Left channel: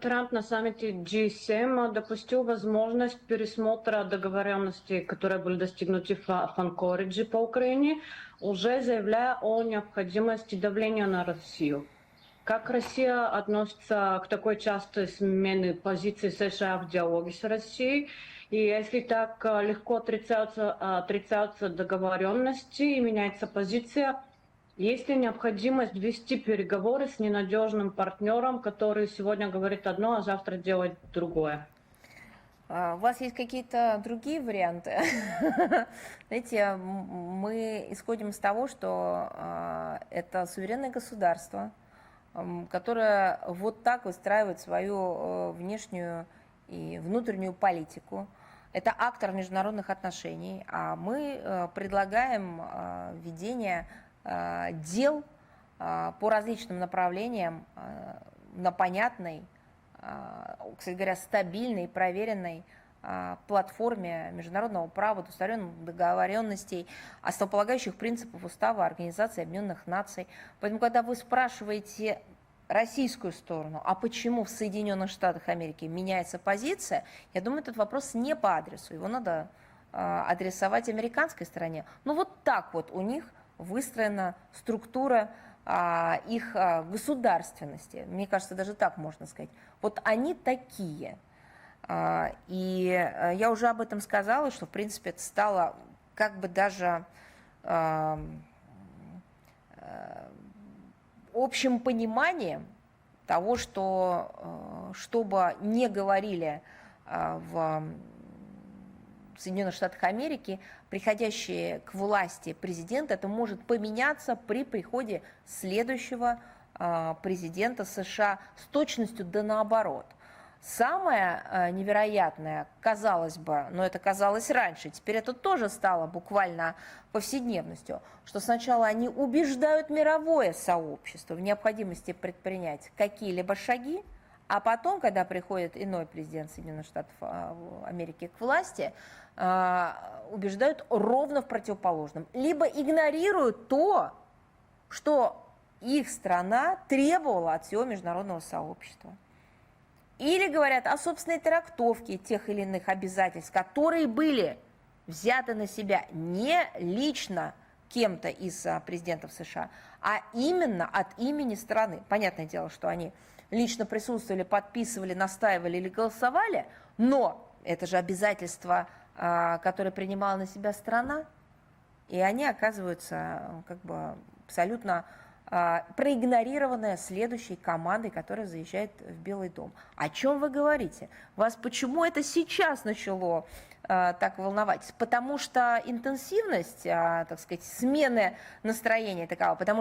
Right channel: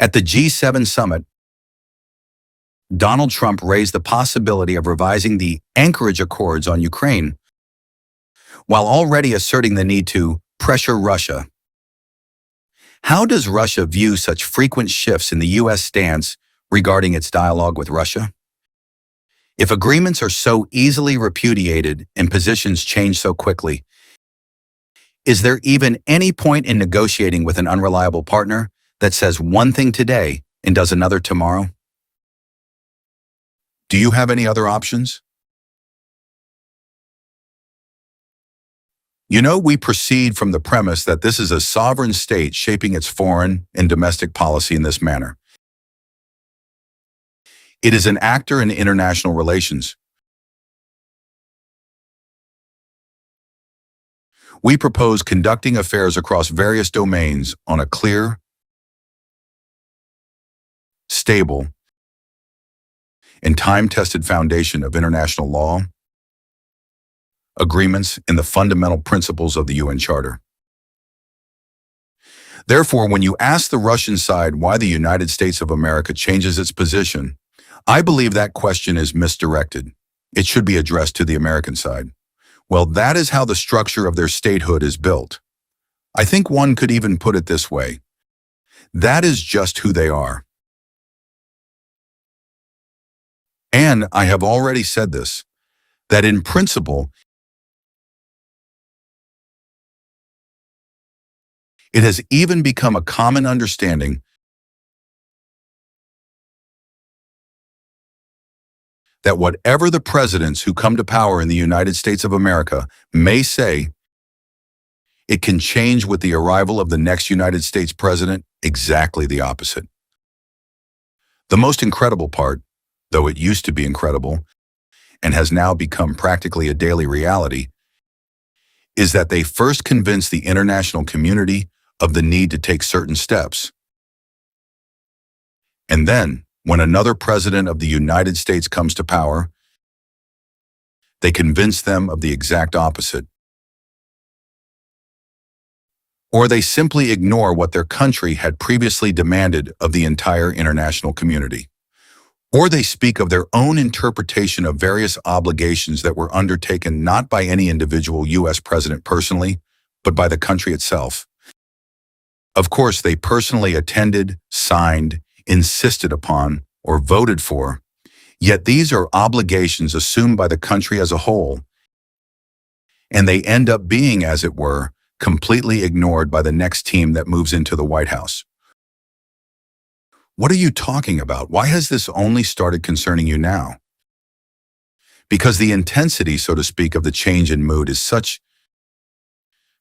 At the G7 summit, Donald Trump raised the possibility of revising the Anchorage Accords on Ukraine, while already asserting the need to pressure Russia. How does Russia view such frequent shifts in the U.S. stance regarding its dialogue with Russia? If agreements are so easily repudiated and positions change so quickly, is there even any point in negotiating with an unreliable partner that says one thing today and does another tomorrow? Do you have any other options? You know, we proceed from the premise that this is a sovereign state shaping its foreign and domestic policy in this manner. It is an actor in international relations. We propose conducting affairs across various domains on a clear, stable, and time-tested foundation of international law, agreements, and the fundamental principles of the UN Charter. Therefore, when you ask the Russian side why the United States of America changes its position, I believe that question is misdirected. It should be addressed to the American side. Well, that is how the structure of their statehood is built. I think one could even put it this way. That is just who they are. And I have already said this, that in principle, it has even become a common understanding that whatever the presidents who come to power in the United States of America may say, it can change with the arrival of the next United States president exactly the opposite. The most incredible part, though it used to be incredible and has now become practically a daily reality, is that they first convince the international community of the need to take certain steps. And then, when another president of the United States comes to power, they convince them of the exact opposite. Or they simply ignore what their country had previously demanded of the entire international community. Or they speak of their own interpretation of various obligations that were undertaken not by any individual U.S. president personally, but by the country itself. Of course, they personally attended, signed, insisted upon, or voted for, yet these are obligations assumed by the country as a whole, and they end up being, as it were, completely ignored by the next team that moves into the White House. What are you talking about? Why has this only started concerning you now? Because the intensity, so to speak, of the change in mood is such,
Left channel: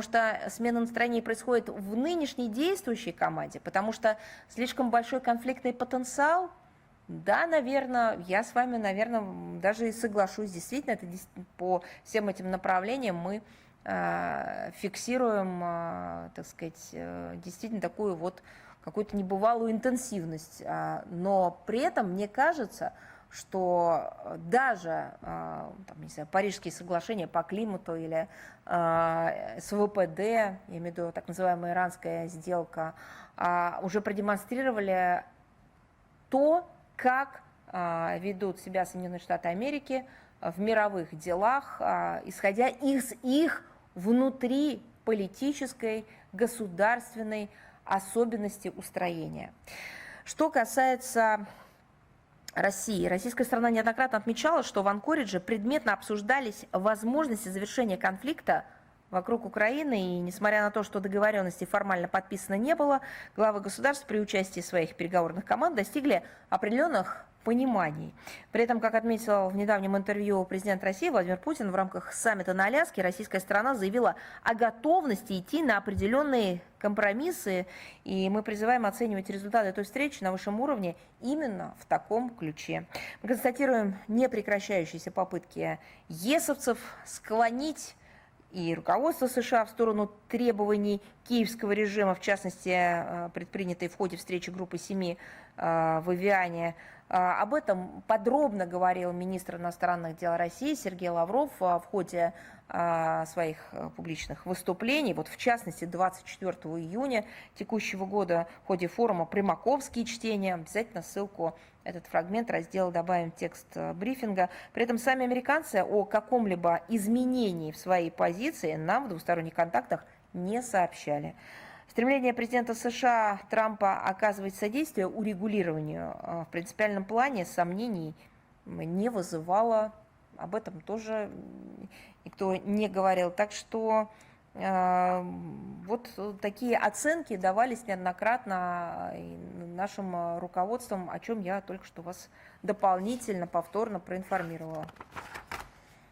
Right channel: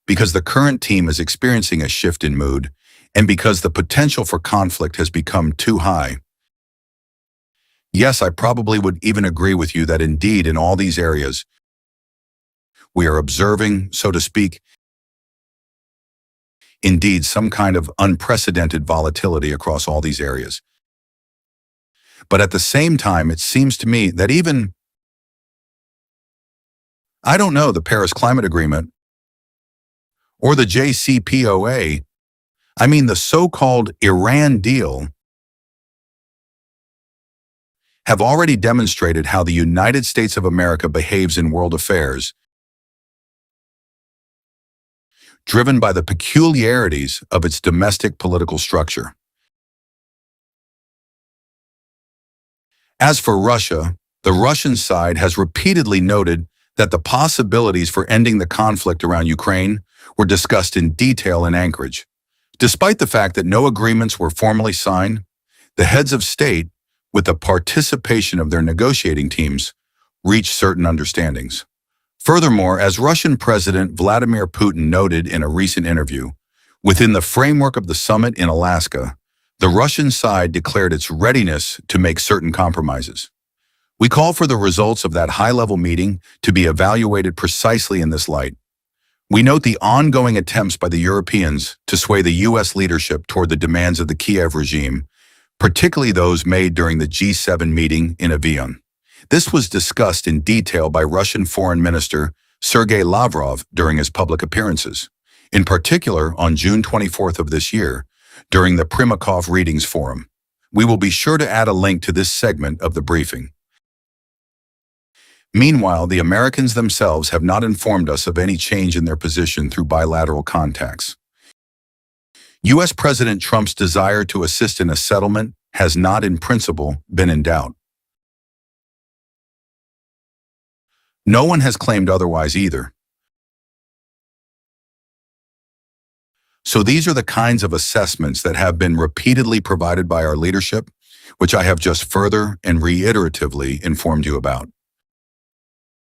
because the current team is experiencing a shift in mood, and because the potential for conflict has become too high. Yes, I probably would even agree with you that indeed in all these areas, we are observing, so to speak, indeed some kind of unprecedented volatility across all these areas. But at the same time, it seems to me that even, I don't know, the Paris Climate Agreement or the JCPOA, I mean the so-called Iran deal, have already demonstrated how the United States of America behaves in world affairs, driven by the peculiarities of its domestic political structure. As for Russia, the Russian side has repeatedly noted that the possibilities for ending the conflict around Ukraine were discussed in detail in Anchorage. Despite the fact that no agreements were formally signed, the heads of state, with the participation of their negotiating teams, reached certain understandings. Furthermore, as Russian President Vladimir Putin noted in a recent interview, within the framework of the summit in Alaska, the Russian side declared its readiness to make certain compromises. We call for the results of that high-level meeting to be evaluated precisely in this light. We note the ongoing attempts by the Europeans to sway the U.S. leadership toward the demands of the Kiev regime, particularly those made during the G7 meeting in Evian. This was discussed in detail by Russian Foreign Minister Sergei Lavrov during his public appearances, in particular on June 24th of this year, during the Primakov Readings Forum. We will be sure to add a link to this segment of the briefing. Meanwhile, the Americans themselves have not informed us of any change in their position through bilateral contacts. U.S. President Trump's desire to assist in a settlement has not, in principle, been in doubt. No one has claimed otherwise either. So these are the kinds of assessments that have been repeatedly provided by our leadership, which I have just further and reiteratively informed you about.